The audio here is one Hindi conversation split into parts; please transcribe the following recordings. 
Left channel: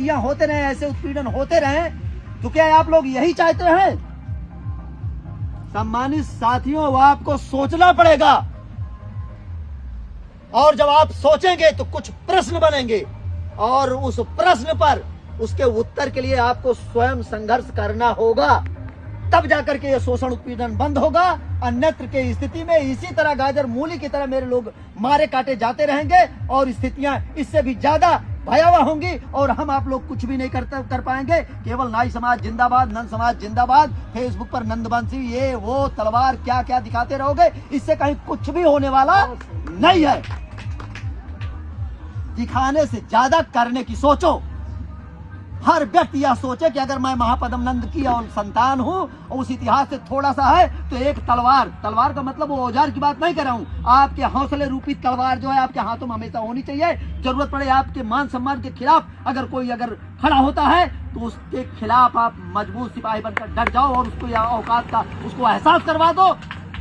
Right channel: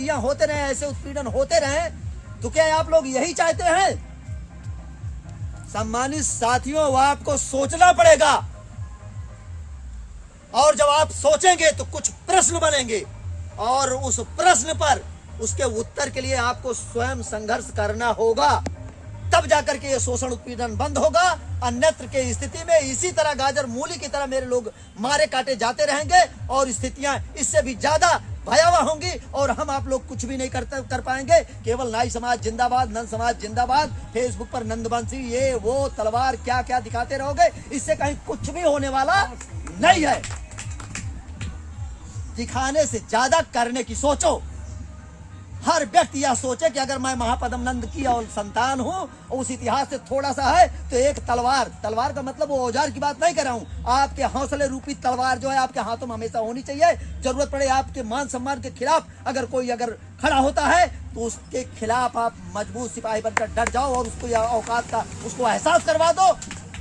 होते रहे, ऐसे उत्पीड़न होते रहे, तो क्या आप लोग यही चाहते हैं? सम्मानित साथियों, आपको सोचना पड़ेगा, और जब आप सोचेंगे तो कुछ प्रश्न बनेंगे, और उस प्रश्न पर उसके उत्तर के लिए आपको स्वयं संघर्ष करना होगा, तब जाकर के ये शोषण उत्पीड़न बंद होगा। अन्यत्र के स्थिति में इसी तरह गाजर मूली की तरह मेरे लोग मारे काटे जाते रहेंगे, और स्थितियां इससे भी ज्यादा भयावह होंगी, और हम आप लोग कुछ भी नहीं कर पाएंगे। केवल नाई समाज जिंदाबाद, नंद समाज जिंदाबाद, फेसबुक पर नंदवंशी ये वो तलवार क्या क्या दिखाते रहोगे, इससे कहीं कुछ भी होने वाला नहीं है। दिखाने से ज्यादा करने की सोचो। हर व्यक्ति यह सोचे कि अगर मैं महापद्म नंद की और संतान हूं, और उस इतिहास से थोड़ा सा है, तो एक तलवार का मतलब वो औजार की बात नहीं कर रहा हूं, आपके हौसले रूपी तलवार जो है आपके हाथों में हमेशा होनी चाहिए। जरूरत पड़े आपके मान सम्मान के खिलाफ अगर कोई खड़ा होता है, तो उसके खिलाफ आप मजबूत सिपाही बनकर डट जाओ, और उसको औकात का उसको एहसास करवा दो,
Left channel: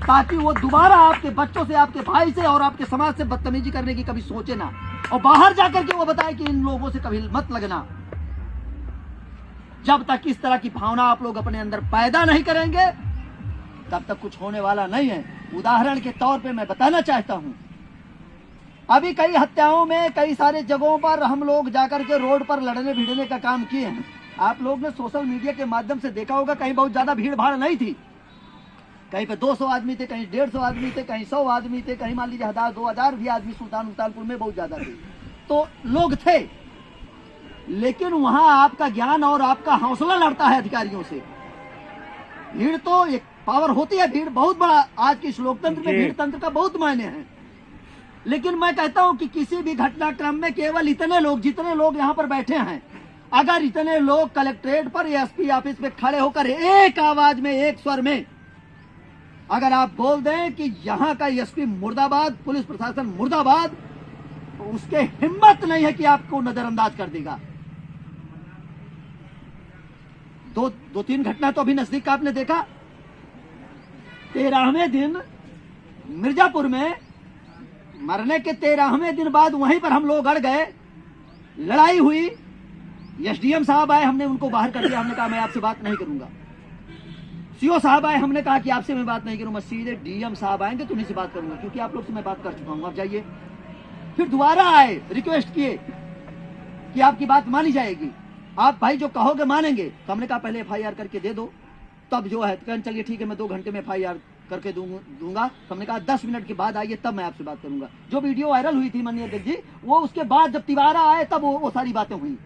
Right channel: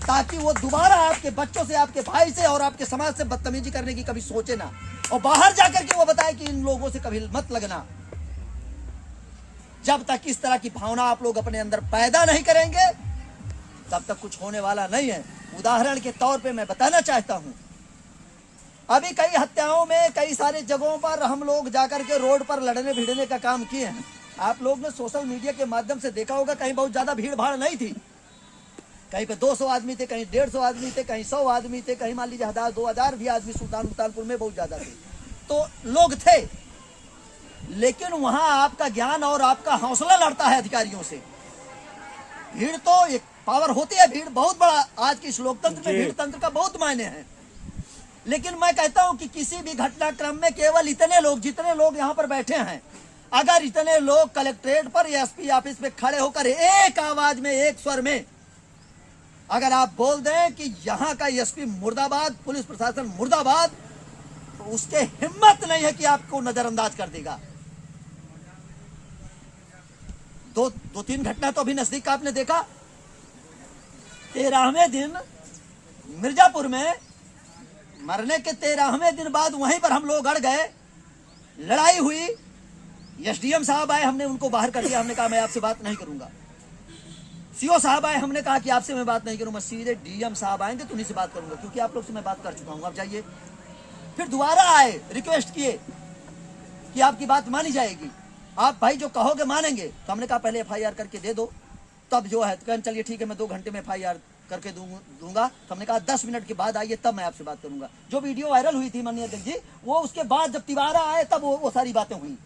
ताकि वो दोबारा आपके बच्चों से, आपके भाई से और आपके समाज से बदतमीजी करने की कभी सोचे ना, और बाहर जाकर के वो बताए कि इन लोगों से कभी मत लगना। जब तक इस तरह की भावना आप लोग अपने अंदर पैदा नहीं करेंगे, तब तक कुछ होने वाला नहीं है। उदाहरण के तौर पे मैं बताना चाहता हूं, अभी कई हत्याओं में कई सारे जगहों पर हम लोग जाकर के रोड पर लड़ने भिड़ने का काम किए हैं। आप लोग ने सोशल मीडिया के माध्यम से देखा होगा, कहीं बहुत ज्यादा भीड़ भाड़ नहीं थी, कहीं पे 200 आदमी थे, कहीं 150 आदमी थे, कहीं 100 आदमी थे, कहीं मान लीजिए 1000-2000 भी आदमी सुल्तानपुर में बहुत ज्यादा थे, तो लोग थे। लेकिन वहां आपका ज्ञान और आपका हौसला लड़ता है अधिकारियों से। भीड़ तो एक पावर होती है, भीड़ बहुत बड़ा, आज के इस लोकतंत्र में भीड़ तंत्र का बहुत मायने हैं। लेकिन मैं कहता हूं कि किसी भी घटनाक्रम में केवल इतने लोग, जितने लोग यहाँ पर बैठे हैं, अगर इतने लोग कलेक्ट्रेट पर या एसपी ऑफिस में खड़े होकर एक आवाज में, एक स्वर में अगर आप बोल दें कि यहाँ का एसपी मुर्दाबाद, पुलिस प्रशासन मुर्दाबाद, तो उसके हिम्मत नहीं है कि आपको नजरअंदाज कर देगा। दो तीन घटना तो अभी नजदीक का आपने देखा। 13वें दिन मिर्जापुर में मरने के 13वें दिन बाद वहीं पर हम लोग अड़ गए, लड़ाई हुई, एसडीएम साहब आए, हमने उनको बाहर कर दिया, हमने कहा मैं आपसे बात नहीं करूंगा। सीओ साहब आए, हमने कहा कि आपसे मैं बात नहीं करूंगा, सीधे डीएम साहब आएंगे तो उन्हीं से बात करूंगा, क्योंकि आप लोग से मैं बात कर चुका हूं, आप जाइए। फिर दोबारा आए, रिक्वेस्ट किए कि आपकी बात मानी जाएगी, आप भाई जो कहोगे मानेंगे। तो हमने कहा पहले एफआईआर करके दे दो, तब जो है चलिए ठीक है, मैं 2 घंटे में एफआईआर करके दूंगा। तो हमने कहा 10 मिनट के बाद आइए, तब मैं आपसे बात करूंगा। जो वीडियो वायरल हुई थी माननीय अध्यक्ष जी, वो उसके बाद जब तिवारा आए तब वो सारी बातें हुई।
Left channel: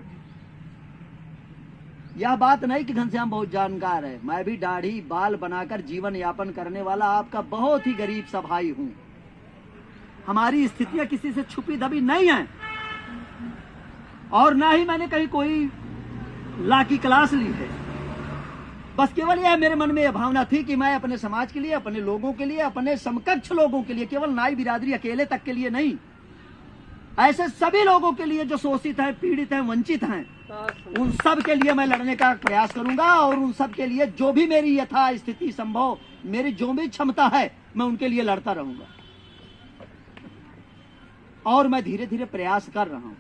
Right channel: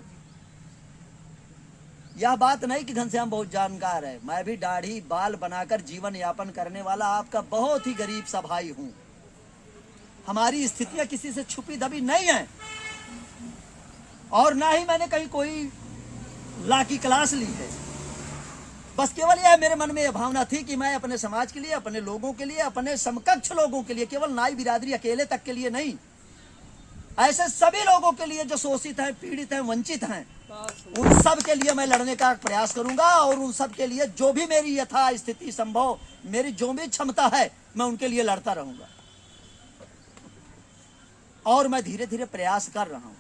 यह बात नहीं कि घनश्याम बहुत जानकार है, मैं भी दाढ़ी बाल बनाकर जीवन यापन करने वाला आपका बहुत ही गरीब सा भाई हूं। हमारी स्थितियां किसी से छुपी दबी नहीं है, और ना ही मैंने कहीं कोई ला की क्लास ली है। बस केवल यह मेरे मन में यह भावना थी कि मैं अपने समाज के लिए, अपने लोगों के लिए, अपने समकक्ष लोगों के लिए, केवल नाई बिरादरी अकेले तक के लिए नहीं, ऐसे सभी लोगों के लिए जो शोषित हैं, पीड़ित हैं, वंचित हैं, उन सब के लिए मैं लड़ने का प्रयास करूंगा, और उन सब के लिए जो भी मेरी यथा स्थिति संभव, मेरी जो भी क्षमता है, मैं उनके लिए लड़ता रहूंगा। और मैं धीरे धीरे प्रयास कर रहा हूं।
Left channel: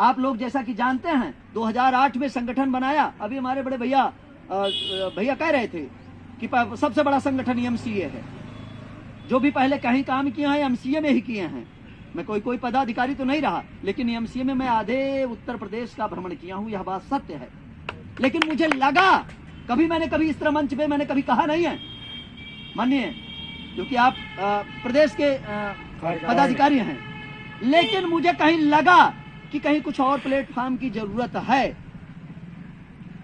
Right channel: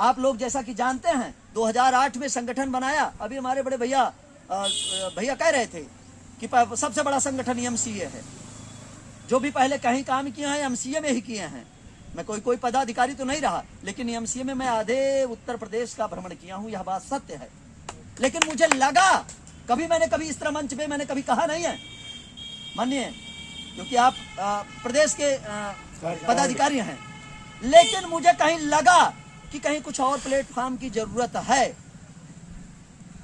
आप लोग जैसा कि जानते हैं 2008 में संगठन बनाया। अभी हमारे बड़े भैया कह रहे थे कि सबसे बड़ा संगठन एमसीए है। जो भी पहले कहीं काम किए हैं एमसीए में ही किए हैं। मैं कोई पदाधिकारी तो नहीं रहा, लेकिन एमसीए में मैं आधे उत्तर प्रदेश का भ्रमण किया हूं, यह बात सत्य है। लेकिन मुझे लगा, कभी इस तरह मंच पे मैंने कभी कहा नहीं है माननीय, क्योंकि आप प्रदेश के पदाधिकारी हैं, लेकिन मुझे कहीं लगा कि कहीं कुछ और प्लेटफॉर्म की जरूरत है,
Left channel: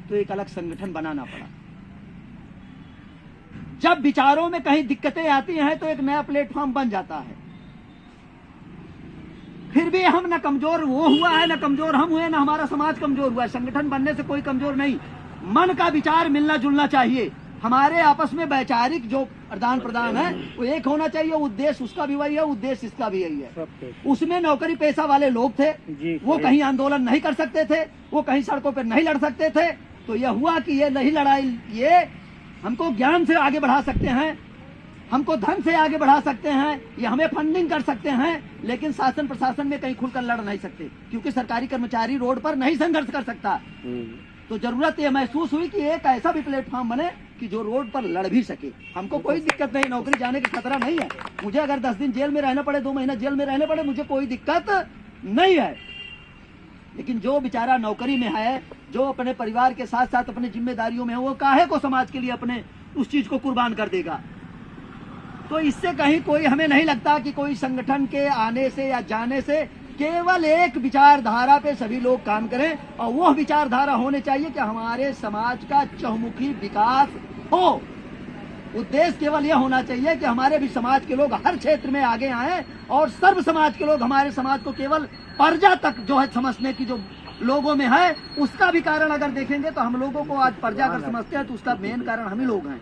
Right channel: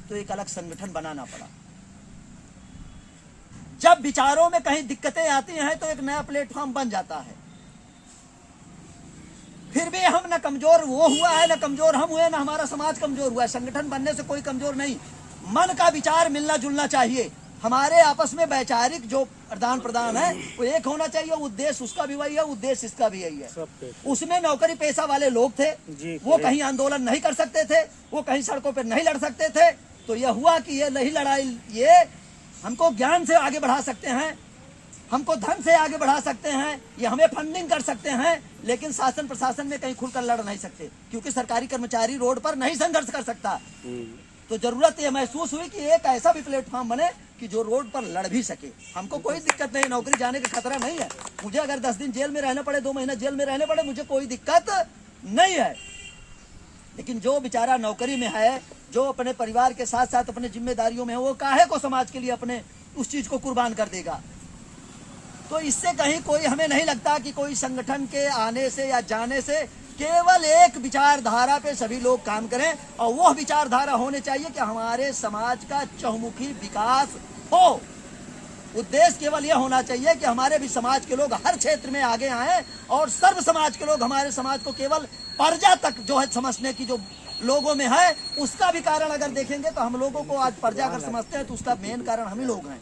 तो एक अलग संगठन बनाना पड़ा। जब विचारों में कहीं दिक्कतें आती हैं तो एक नया प्लेटफॉर्म बन जाता है। फिर भी हम न कमजोर वो हुआ है, न कमजोर हम हुए, न हमारा समाज कमजोर हुआ है। संगठन बनने से कोई कमजोर नहीं, मन का विचार मिलना जुलना चाहिए। हमारे आपस में वैचारिक जो आदान प्रदान है वो एक होना चाहिए। उद्देश्य उसका भी वही है, उद्देश्य इसका भी यही है। उसमें नौकरी पेशा वाले लोग थे, वो कहीं आंदोलन नहीं कर सकते थे, वो कहीं सड़कों पर नहीं लड़ सकते थे। तो यह हुआ कि ये नहीं लड़ाई, ये हमको ज्ञान से आगे बढ़ा सकते हैं, हमको धन से आगे बढ़ा सकते हैं, ये हमें फंडिंग कर सकते हैं, लेकिन शासन प्रशासन में कहीं खुलकर लड़ नहीं सकते, क्योंकि सरकारी कर्मचारी रोड पर नहीं संघर्ष कर सकता। तो जरूरत ये महसूस हुई कि एक ऐसा भी प्लेटफॉर्म बने कि जो रोड पर लड़ भी सके। हमको कोई दिक्कत नहीं, नौकरी जाने का खतरा नहीं है। मुझे अगर 10 दिन जेल में रहना पड़े, 2 महीना जेल में रहने पड़े, मुझे कोई दिक्कत नहीं है। लेकिन जो बेचारा नौकरी में है, जो अपने परिवार के साथ साथ अपनी जिम्मेदारियों में है, वो काहे को समाज के लिए अपने उस चीज को कुर्बान कर देगा। तो इससे कहीं कोई हमें नहीं लगता कि कोई संगठन के आने से या जाने से केवल एक विचारधारा पे सभी लोग काम करें, और वह विचारधारा होने चाहिए कि हमारे समाज का चहुमुखी विकास हो। उद्देश्य केवल यह होना चाहिए कि हमारे भी समाज के लोग हर क्षेत्र में आगे आए, और सर्व समाज के लोग हमारे समाज को केवल प्रजा तक जो है समझने की जो लोगों में है, उसका भी कारण अगर देखेंगे तो हम लोगों को आज प्रजा अगर समझते हैं तो उसका मेन कारण हम ही लोग हैं।